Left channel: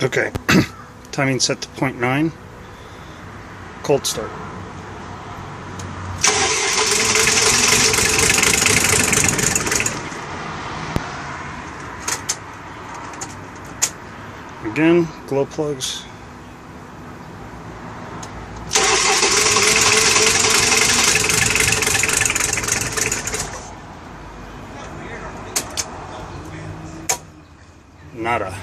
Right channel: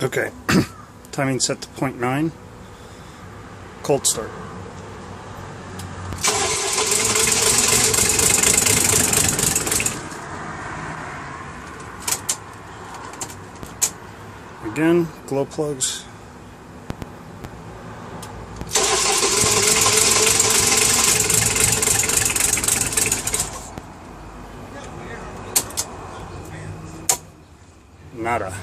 Okay, timing set to 0.9, cold start. Again, glow plugs. Nada.